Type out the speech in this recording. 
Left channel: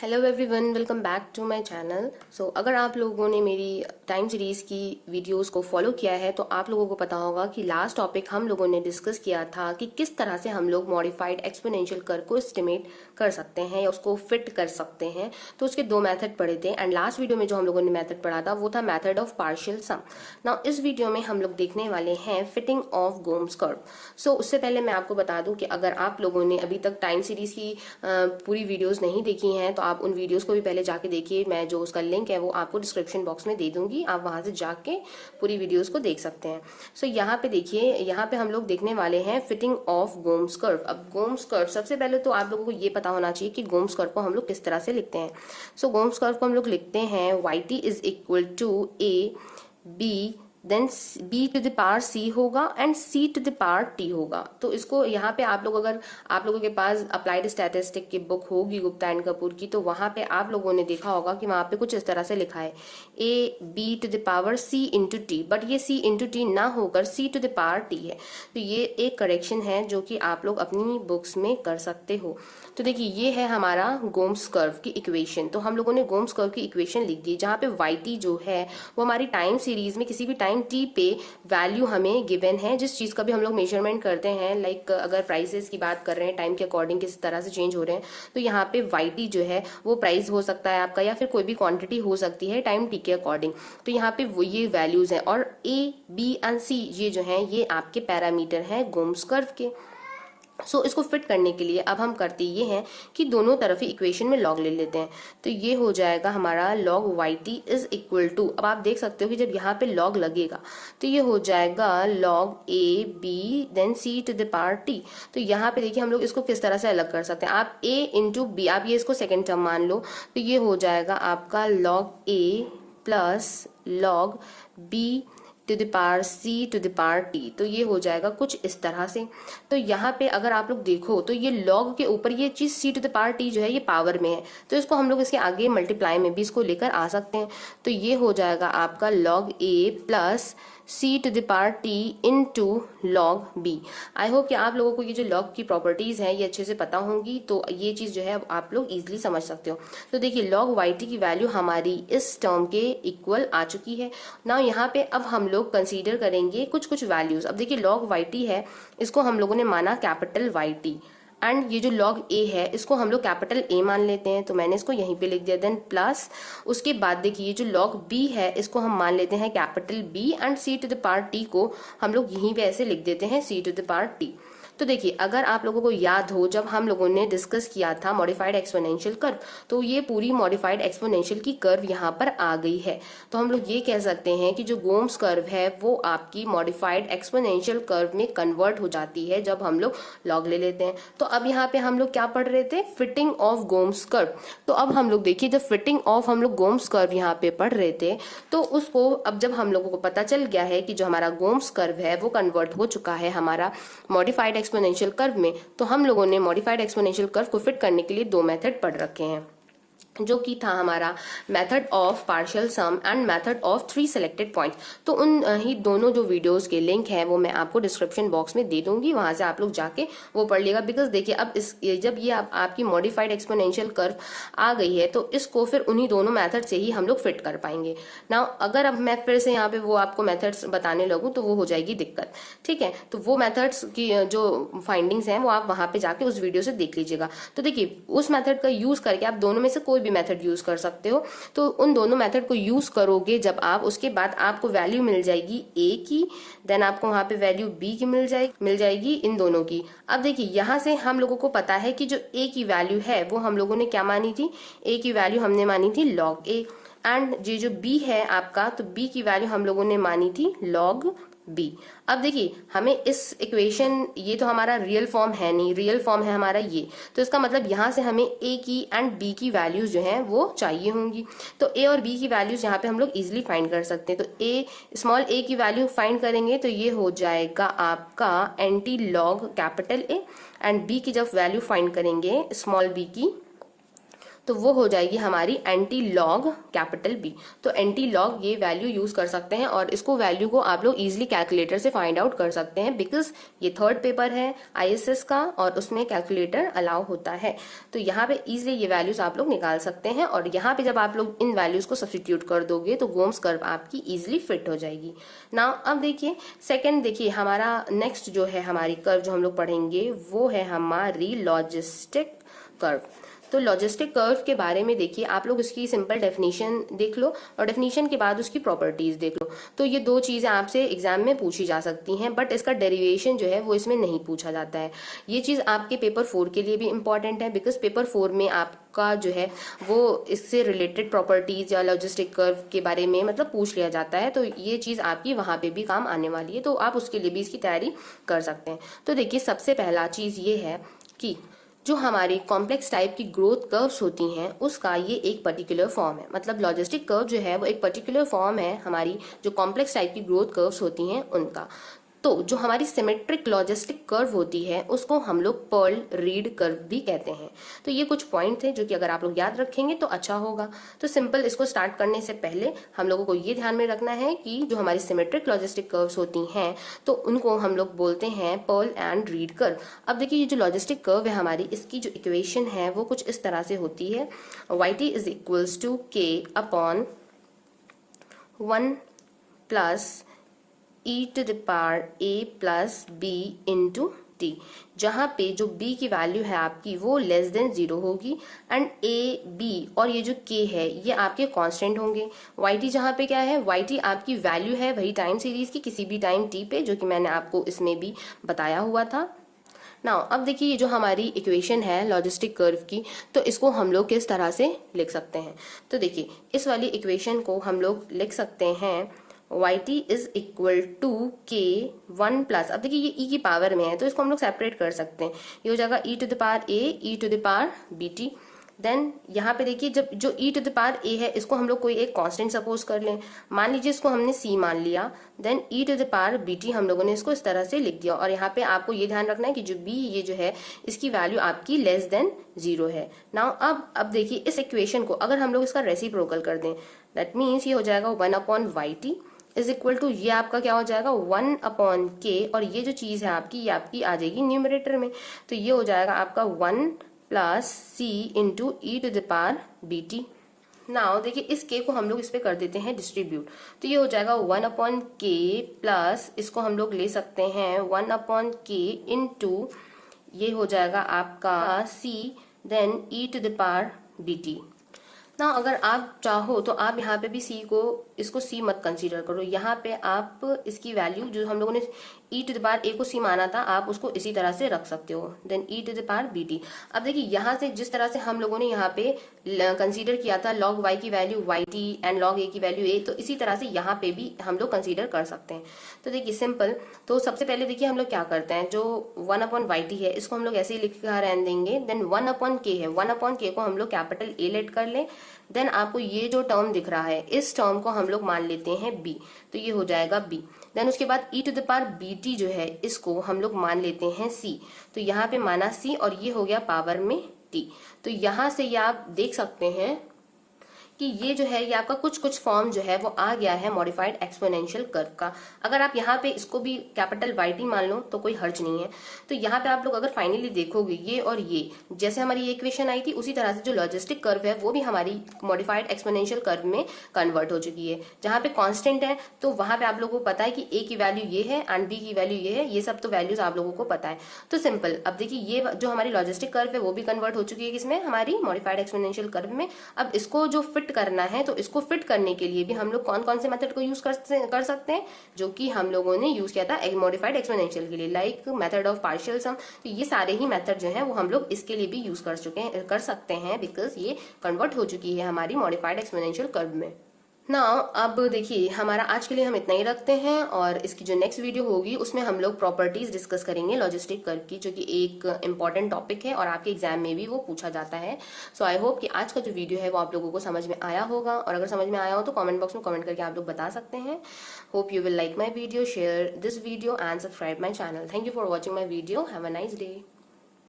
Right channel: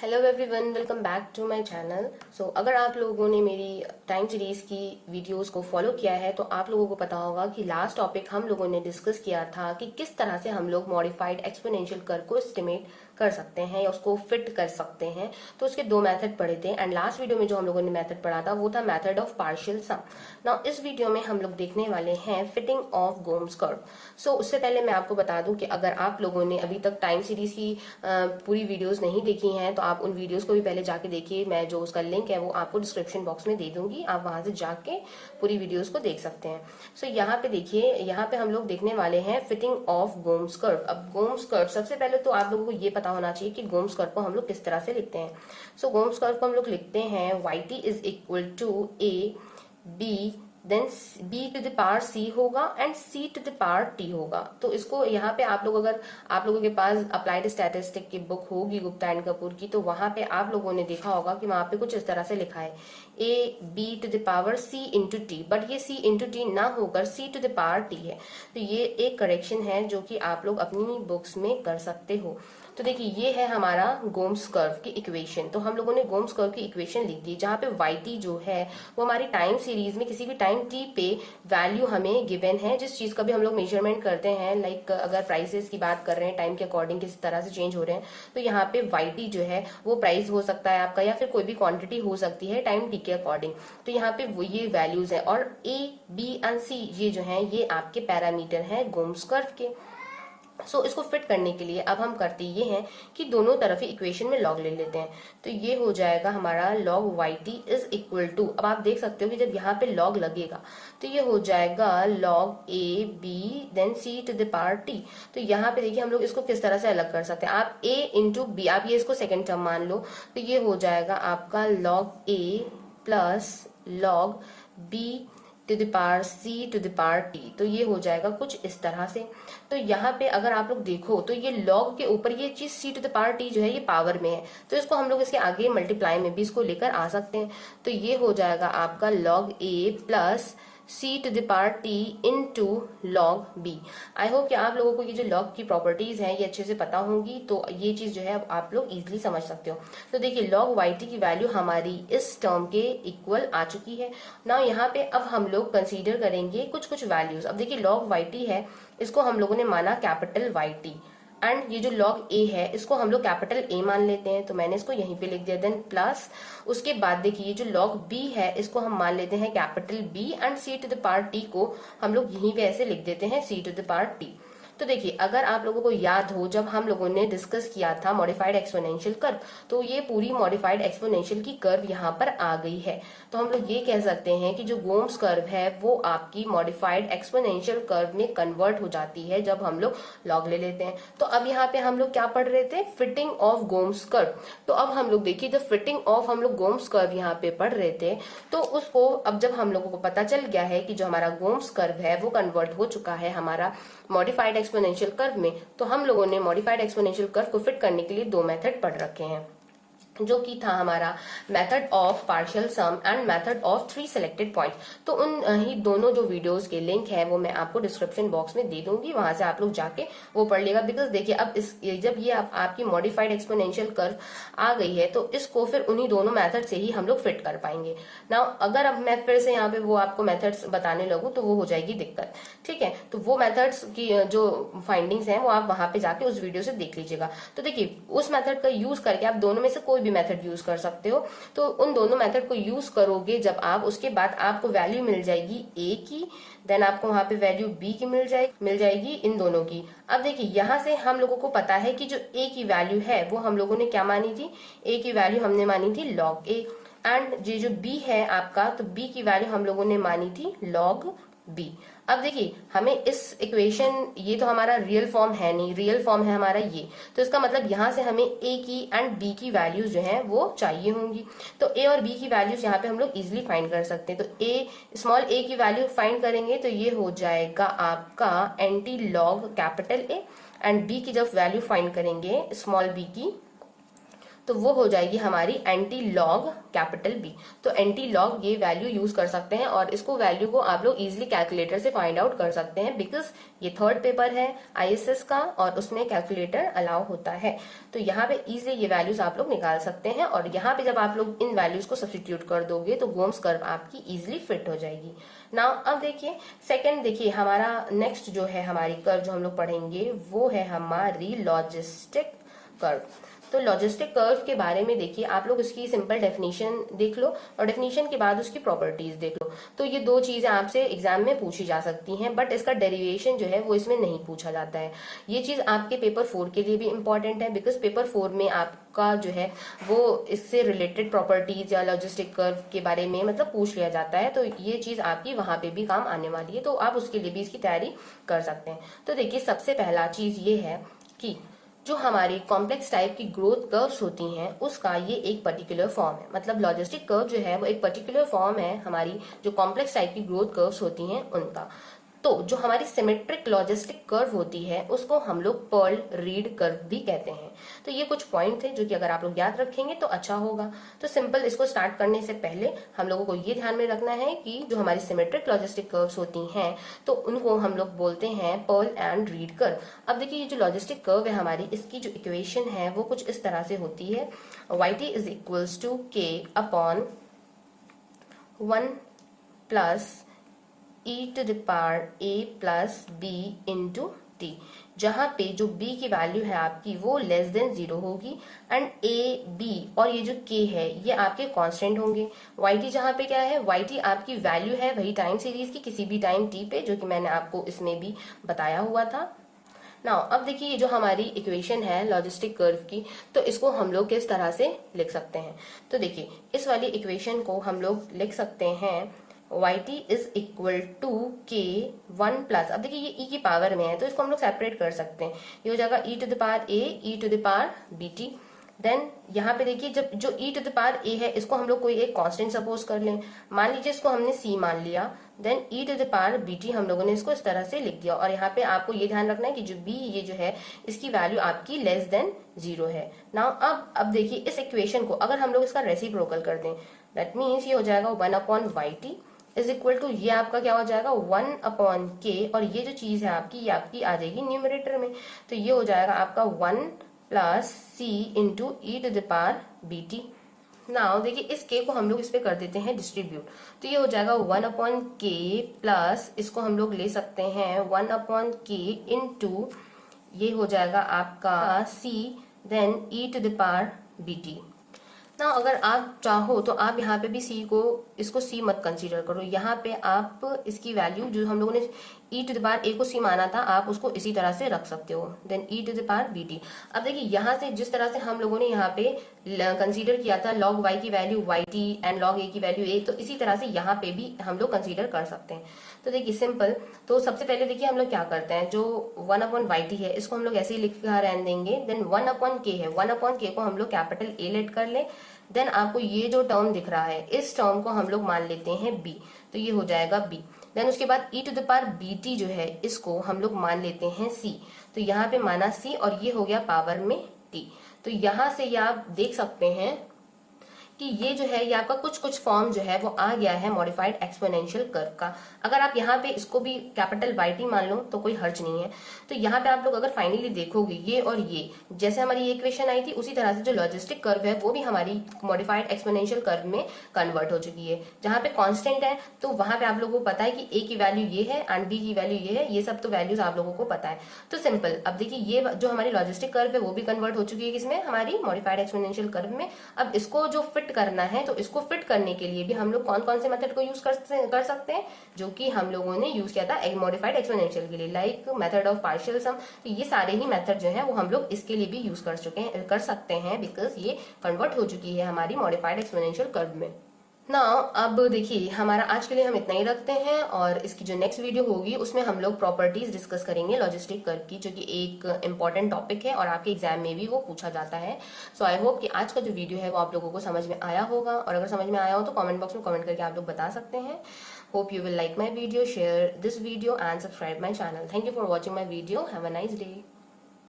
Hello everyone, welcome back to my channel. अगर आप लोगों ने मेरी टाइम सीरीज की वीडियोस को फॉलो किया है तो आप लोगों को पता होगा कि लास्ट टॉपिक हम लोगों ने डिस्कस किया था कि किस तरह से हम लोग मॉडिफाइड एक्सपोनेंशियल कर्व को एस्टिमेट कर सकते हैं या उसको फिट कर सकते हैं। तो उसके दो मेथड पढ़े थे एंड लास्ट वीडियो में जो हम लोगों ने मेथड पढ़ा था वो था method of partial sum. Now इस वीडियो में हम लोग देखने वाले हैं फिटिंग ऑफ गोम्स कर्व। उससे पहले मैं आपको बता दूं कि अगर आप लोगों ने अभी तक टाइम सीरीज की पूरी वीडियोस नहीं देखी हैं तो आप उन वीडियोस को भी पहले जाके देखिए। मैं जो उसका लिंक है वो आपको डिस्क्रिप्शन बॉक्स में दे दूंगी, आप वहां से जाके पूरी वीडियोस को देख सकते हैं। यहाँ पे देखिए, यहाँ पे हम लोग देखने वाले हैं फिटिंग ऑफ गोम्स कर्व। अब गोम्स कर्व, सबसे पहले तो आप लोगों को ये पता होना चाहिए कि गोम्स कर्व को हम लोग किस तरह से लिखते हैं। गोम्स कर्व को हम लोग लिखते हैं yt is equal to a b then b to the power c होगा and c to the power t होगा। तो इसको यहाँ पे आप लोग, अगर आप लोगों के पास अप्लाइड स्टैटिस्टिक की बुक होगी गुप्ता एंड कपूर की, तो वहां पे आप लोगों ने देखा होगा कि वहां पे कुछ इस तरह से लिखा है a b to the power c into t, but ये c इंटू टी ना होकर c to the power t है। तो ये एक करेक्शन है जो कि आप लोग अपनी बुक्स में कर सकते हो। तो देखिए, ये है हमारा गोम्स कर्व की इक्वेशन। तो हम लोगों ने गोम्स कर्व की इक्वेशन लिख दी, जहां पे yt जो है वो हमारी टाइम सीरीज में किसी भी टाइम t पे वैल्यू हमें गिवन है, जिस चीज का भी हम लोग मेजरमेंट करते हैं। लाइक अगर प्राइसेस की बात कर रहे हैं, टाइम के अकॉर्डिंग किस तरह से चेंज हो रहे हैं, तो यहाँ पे yt जो है वो प्राइस हो सकता है आपका, या फिर कोई भी क्वांटिटी हो सकती है टाइम t के अकॉर्डिंग। तो यहाँ पे वो ये वैल्यूज है, और a b एंड c ये जो है ये आपके पैरामीटर है गोम्स कर्व के। इसको फिट करने के लिए अब हम करते ये हैं कि दोनों तरफ ही इक्वेशन में लॉग ले लेते हैं। तो ये हो जाएगा हमारा log yt is equal to, अब आप देख सकते हो कि जब यहाँ पे लॉग लगेगा तो ये हो जाएगा log a b then c to the power t। तो यहाँ पे देखिए हम लोग इसको किस तरह से अलग कर सकते हैं। आप a इंटू बी, आप ये इसको सेकेंड टर्म मान लो, तो ये हो जाएगा आपका log a plus log b to the power c to the power t। तो ये हो जाएगा कुछ इस तरह से। तो यहाँ पे अगर आप लोग देखो तो ये log के ऊपर ये चीज c to the power t जो है ये पावर में है, तो इसको हम लोग इसके आगे मल्टीप्लाई में भी इसको लेकर आ सकते हैं। तो ये हो जाएगा आपका log a plus c to the power t into log b। I hope कि आप लोगों को ये जो log की प्रॉपर्टीज है ये अच्छे से पता होंगी, तो ये चीज जो है अब आप लोग इजीली समझ सकते हो। तो देखिए log yt की वैल्यू हमारी इस टर्म के इक्वल आ चुकी है ना। यहाँ पे अब हम लोग कंसीडर करेंगे कुछ कुछ वैल्यूज। अब देखिए log yt है, इसको हम लोगों ने माना कैपिटल yt, एंड ये जो log a है इसको हम लोग कैपिटल A मान लेते हैं, तो मैंने इसको यहीं पे लिख दिया। देन प्लस उसके बाद देखिए ये जो log b है इसको हम मान लेते हैं capital B, and c to the power t को हम लोग यहीं पे ऐसे लिख देते हैं c to the power t। तो देखिए, अगर आप लोगों को याद हो जब हम लोगों ने डिस्कस किया था मॉडिफाइड एक्सपोनेंशियल कर्व, तो ये पूरी मॉडिफाइड एक्सपोनेंशियल की कर्व यहाँ पर आ गई है। तो हम लोग ये कह सकते हैं कि जो गोम्स कर्व है वो आपकी मॉडिफाइड एक्सपोनेंशियल कर्व में कन्वर्ट हो जाती है जब हम लोग लॉग ले लेते हैं। तो अब यहाँ पे हम लोग क्या पढ़ रहे थे, फिटिंग ऑफ गोम्स कर्व। तो अब हम लोग देखिए, जब फिटिंग ऑफ हम लोग गोम्स कर्व यहाँ पे पढ़ रहे थे, तो उसको अब जब हम लोगों को पता चल गया है कि जो हमारा गोम्स कर्व है वो कन्वर्ट हो चुका है हमारा मॉडिफाइड एक्सपोनेंशियल कर्व में, तो हम लोगों ने मॉडिफाइड एक्सपोनेंशियल कर्व को फिट करने के लिए दो मेथड पढ़ रखे हैं, जो कि था हमारा method of partial sum and method of three selected points. तो उन ही दोनों जो वीडियोस के लिंक है वो मैं आपको डिस्क्रिप्शन बॉक्स में दे दूंगी, वहां से आप लोग जाके वो पढ़ लेगा। बिकॉज देखिए, अब जब ये आपकी मॉडिफाइड एक्सपोनेंशियल कर्व आ गई है तो इसको फिर उन्हीं दोनों मेथड से ही हम लोग फिट कर पाएंगे ना। अगर अब मैं फिर से यहाँ पे वो आपको मेथड्स बताने लगूं तो वो हो जाएगी दिक्कत, ठीक है। तो वो मेथड्स की जो फाइंडिंग्स हैं वो आप वहां पे जाके उस वीडियो से देख लीजिएगा। तो देखिए, उस मेथड का यूज करके आप दोनों में से कोई भी मेथड यूज कर सकते हो। तो उन दोनों मेथड को यूज करोगे जब आप, उसके बाद आपको वैल्यू मिल जाएगी a की, देन आपको वहां पे वैल्यू b की मिल जाएगी इन दोनों की। अब देखिए, यहां से हम लोगों को पता है कि जो a की वैल्यू है वो हम लोगों ने क्या मानी थी, a की वैल्यू हमने मानी थी log a, एंड ये जो b है आपका, तो b की वैल्यू हम लोगों ने मानी थी log b। अब देखिए, हमें इस इक्वेशन, ये तो हमारा रियल फॉर्म है नहीं, रियल फॉर्म है हमारा ये, तो इसका मतलब यहाँ से हमें a की एंड b की वैल्यूज जो है वो चाहिए होंगी। तो a और b की वैल्यूज यहाँ पे हम लोग इजिली फाइंड कर सकते हैं। तो स्मॉल a की वैल्यू फाइंड करेंगे तो ये हो जाएगा आपका anti log capital A, and b की जब वैल्यू फाइंड करेंगे स्मॉल b की, तो वो हो जाएगी हमारी एंटी लॉग कैपिटल बी। तो एंटी लॉग ये वैल्यू यूज कर सकते हैं और इसको वैल्यू को आप लोग इजिली कैलकुलेटर से फाइंड आउट कर सकते हैं, बिकॉज ये थर्ड पेपर है आईएसएस का और उसमें कैलकुलेटर अलाउ होता है। तो यहाँ पे इजिली ये वैल्यूज आप लोग निकाल सकते हैं और यहाँ पे जब आप लोग इन वैल्यूज को सब्स्टिट्यूट कर दोगे तो गोम्स कर्व आपकी इजिली फिट हो जाएगी। नाउ अब देखिए सेकंड, देखिए हमारा नेक्स्ट जो है हमारी कर्व जो हम लोग पढ़ेंगे वो है हमारी लॉजिस्टिक कर्व। तो लॉजिस्टिक कर्व के बारे में देखिए आप लोग इसकी सिंपल डेफिनेशन देख लो और डेफिनेशन के बाद उसकी प्रॉपर्टीज देख लो। तो ये दो चीजें आपसे एग्जाम में पूछी जा सकती हैं, बट इसका डेरिवेशन जो है वो इसमें नहीं पूछा जाता है। ये चीज आपके पेपर 4 के लिए भी इंपॉर्टेंट है, बिकॉज पेपर 4 में आपका जो है वो इससे रिलेटेड प्रॉपर्टीज या लॉजिस्टिक कर्व के बारे में मतलब पूछ लिया जाता है। तो ये चीज आपकी वहां पे भी काम आने वाली है, तो आप उसके लिए भी इसकी तैयारी कर सकते हैं। तो देखिए सबसे पहला चीज ये है कि जो हमारी कॉम्प्लेक्स टाइप की ग्रोथ कर्व्स होती हैं उसका ये एक पर्टिकुलर फॉर्म है। मतलब लॉजिस्टिक कर्व जो है वो एक पर्टिकुलर फॉर्म है हमारी जो कॉम्प्लेक्स टाइप की ग्रोथ कर्व्स होती हैं उनका। तो जो हमारी सिमेट्रिक लॉजिस्टिक कर्व होती है उसको हम लोग पर्ल रीड कर्व भी कहते हैं। तो ये कुछ पॉइंट थे जो कि अगर आप लोग याद रखेंगे तो अच्छा होगा। तो सिंपल इसको स्टार्ट करने से पहले हम लोगों को ये ध्यान में रखना है कि जो हमारी सिमेट्रिक लॉजिस्टिक कर्व्स होती हैं तो उनको हम लोग बोलते हैं पर्ल एंड रीड कर्व। अब देखिए ये जो लॉजिस्टिक कर्व है हमारी, इसकी जो इक्वेशन है वो कुछ इस तरह से होती है, yt is equals to k upon 1 plus e to the power a plus b into t, जहां पे जो b की वैल्यू है आपकी वो लेस देन 0 होगी एंड a b और ये जो k है ये आपके कांस्टेंट होंगे। yt जहां पे क्या है, yt आपकी वैल्यू है वही टाइम सीरीज की किसी भी टाइम t पे, जो कि मैंने आपको इसमें भी बताया हुआ था। नाउ अब देखिए ये जो हमारी इक्वेशन है लॉजिस्टिक कर्व की, तो इसको हम लोग किस तरह से लिख सकते हैं। तो देखिए इस वाली इक्वेशन को हम लोग लिख सकते हैं yt is equal to k 1 plus, अब देखिए ये e की पावर में है तो इसको हम लोग सेपरेट कर सकते हैं। ये हो जाएगा e to the power a e to the power bt। Then यहाँ पे देखिए जब जो e to the power a है इसको हम लोग कोई एक कांस्टेंट सपोज कर लें, मान लीजिए इसको हमने c मान लिया। Then e to the power bt हम लोगों ने इसको इस तरह से लिख दिया और यहाँ पे आपको ये ध्यान रखना है कि जो b ये जो है इसकी वैल्यू आपकी लेस देन 0 है। नाउ अब देखिए इस इक्वेशन को अगर हम लोग इसका रेसिप्रोकल कर दें, दैट मीन्स ये हो जाएगा 1 upon yt is equal to ये आपका क्या हो जाएगा 1 अपॉन k, और ये जो चीज है आपकी ये आपकी आ जाएगी न्यूमरेटर में। तो ये हो जाएगा आपका 1 plus c into e to the power bt। Now देखिए इस k को हम लोग इस पे कर देते हैं डिस्ट्रीब्यूट, तो ये हो जाएगा 1 अपॉन k प्लस इसको हम लोग ले सकते हैं 1 अपॉन k इंटू ये हो जाएगा आपका c then e to the power bt। ना अगर आप चाहो तो आप यहाँ पे भी c को इसको c मत कंसीडर करो, यहाँ पे आप इसकी वैल्यू जो हम लोगों ने e to the power a को c माना था आप उसको इसी तरह से रख सकते हो, then e to the power bt। अब देखिए यहाँ से जिस तरह से हम लोगों ने यहाँ पे कंसीडर किया था log y की value yt and log a की वैल्यू a, तो इसी तरह से यहाँ पे भी हम लोग कंसीडर कर सकते हैं। तो देखिए सिंपल, तो सबसे पहले देखिए हम लोग क्या करते हैं, जो 1 अपॉन yt है इसको हम लोग ऐसे ही लिखा रहने देंगे। देन 1 अपॉन k है, 1 अपॉन k को हम लोग कैपिटल A लेट कर लें। देन आपको ये जो टर्म दिख रहा है इस टर्म को हम लोग मान लेते हैं b, तो ये हो जाएगा b। देन उसके बाद e to the power bt जो है इसको हम लोग मान लेते हैं c, तो यहाँ पे माना c और ये हो गया पावर में t। तो यहाँ से ये आप देख सकते हैं कि ये जो है ये आपका कुछ फॉर्म जो है वो आ गया है मॉडिफाइड एक्सपोनेंशियल कर्व का। अगर आप यहाँ पे इसको भी कैपिटल YT मान लो तो कोई हर्ज नहीं है। तो यहाँ पे आप लोग अगर फाइनली देखोगे ये और ये जैसे हमारी ये इक्वेशन आई थी उसी तरह से जो लॉजिस्टिक कर्व है वो भी हमारी मॉडिफाइड एक्सपोनेंशियल कर्व में कन्वर्ट हो चुकी है। जहाँ पे कॉन्स्टेंट है तो वहां पे आप लोगों को पता है कि a की वैल्यू ये है एंड b की वैल्यू ये है, ये सब तो वैल्यूज आप लोगों को पता है। तो सिंपल, अब देखिए ये जो हमारी लॉजिस्टिक कर्व है वो भी कन्वर्ट हो चुकी है किसमें, हमारी मॉडिफाइड एक्सपोनेंशियल कर्व में। अब इसको जो फिट करना है तो इसको फिट करने के लिए भी हम लोग कौन कौन से मेथड को यूज कर सकते हैं, जो कि हम लोगों ने यूज किया था मॉडिफाइड एक्सपोनेंशियल के लिए, लाइक मेथड ऑफ पार्शियल सम। तो ये सारे ही मेथड जो है वो हम लोग इसके लिए भी यूज कर सकते हैं, बिकॉज ये कन्वर्ट हो चुकी है हमारी मॉडिफाइड एक्सपोनेंशियल कर्व में। नाउ अब देखिए हमारा आज के लिए हम इतना ही रखते हैं और इसकी जो नेक्स्ट वीडियो होगी उसमें हम लोग प्रॉपर्टीज डिस्कस करेंगे लॉजिस्टिक कर्व की, जो कि एक इंपॉर्टेंट टॉपिक है और आपके एग्जाम में भी वो पूछा जाता है। सो आई होप कि आज का जो वीडियो है वो आप लोगों को समझ में आया होगा, और अगर समझ में आया हो तो कमेंट बॉक्स में कमेंट करके आप लोग बता सकते हैं। Hope you will like my video, share this video and subscribe my channel. Thank you for watching my video. Have a nice day.